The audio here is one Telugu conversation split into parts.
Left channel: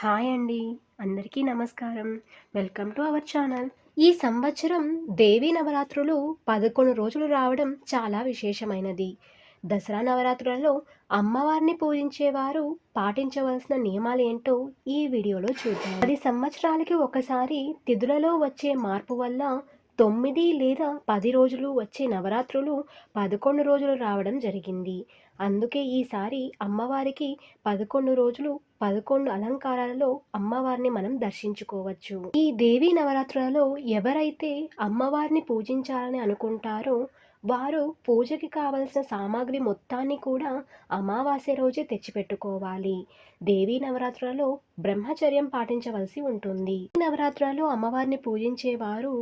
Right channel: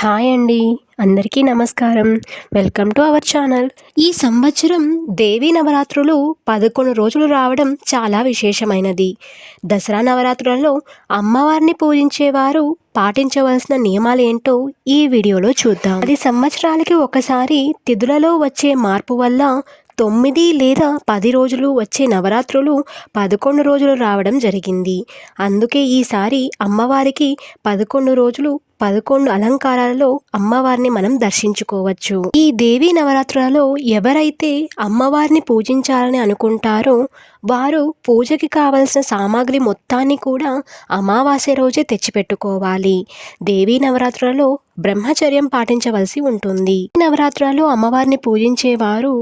హాయ్ అండి. అందరికీ నమస్కారం. Welcome to our channel. ఈ సంవత్సరం దేవీ నవరాత్రులు 11 రోజులు రావడం చాలా విశేషమైనది. దసరా నవరాత్రులలో అమ్మవారిని పూజించేవారు పాటించవలసిన నియమాలేంటో ఈ వీడియోలో చూద్దాం. 10 సంవత్సరాలకి ఒకసారి తిథులలో వచ్చే మార్పు వల్ల 9 లేదా 10 రోజులు వచ్చే నవరాత్రులు 11 రోజులు రావడం జరిగింది. అందుకే ఈసారి అమ్మవారికి 11 రోజులు 11 అలంకారాలలో అమ్మవారిని మనం దర్శించుకోవచ్చు. ఈ దేవీ నవరాత్రులలో ఎవరైతే అమ్మవారిని పూజించాలని అనుకుంటారో వారు పూజకి కావలసిన సామాగ్రి మొత్తాన్ని కూడా అమావాస్య రోజే తెచ్చిపెట్టుకోవాలి. దేవీ నవరాత్రులలో బ్రహ్మచర్యం పాటించవలసి ఉంటుంది. ఈ నవరాత్రులలో అమ్మవారిని పూజించేవారు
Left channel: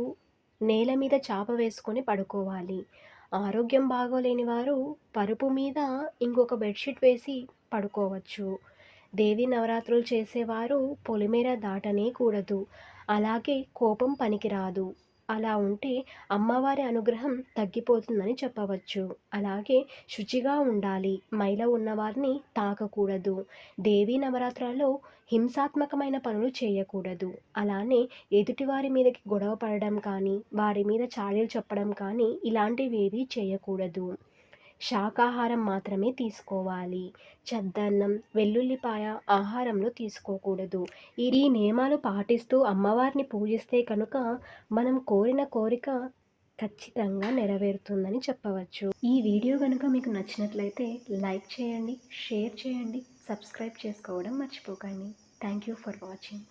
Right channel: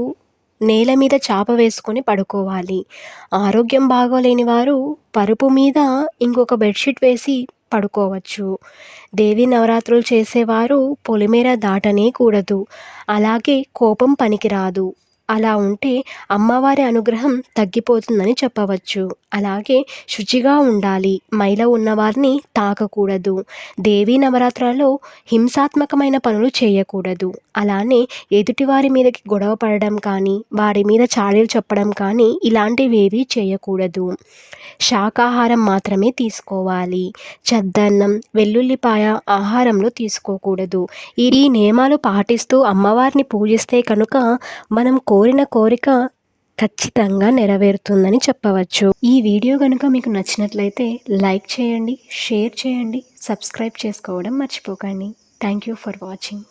నేల మీద చాప వేసుకొని పడుకోవాలి. ఆరోగ్యం బాగోలేని వారు పరుపు మీద ఇంకొక బెడ్షీట్ వేసి పడుకోవచ్చు. దేవీ నవరాత్రులు చేసేవారు పొలిమేర దాటనే కూడదు. అలాగే కోపం పనికిరాదు. అలా ఉంటే అమ్మవారి అనుగ్రహం తగ్గిపోతుందని చెప్పవచ్చు. అలాగే శుచిగా ఉండాలి. మైల ఉన్నవారిని తాకకూడదు. దేవీ నవరాత్రులలో హింసాత్మకమైన పనులు చేయకూడదు. అలానే ఎదుటివారి మీదకి గొడవ పడడం కానీ, వారి మీద చాడీలు చెప్పడం కానీ ఇలాంటివేవీ చేయకూడదు. శాకాహారం మాత్రమే తీసుకోవాలి. చద్దన్నం, వెల్లుల్లిపాయ ఆహారంలో తీసుకోకూడదు. ఈ నియమాలు పాటిస్తూ అమ్మవారిని పూజిస్తే కనుక మనం కోరిన కోరిక ఖచ్చితంగా నెరవేరుతుందని చెప్పవచ్చు. ఈ వీడియో కనుక మీకు నచ్చినట్లయితే లైక్ చేయండి, షేర్ చేయండి, సబ్స్క్రైబ్ చేసుకోవడం మర్చిపోకండి. Thank you for watching.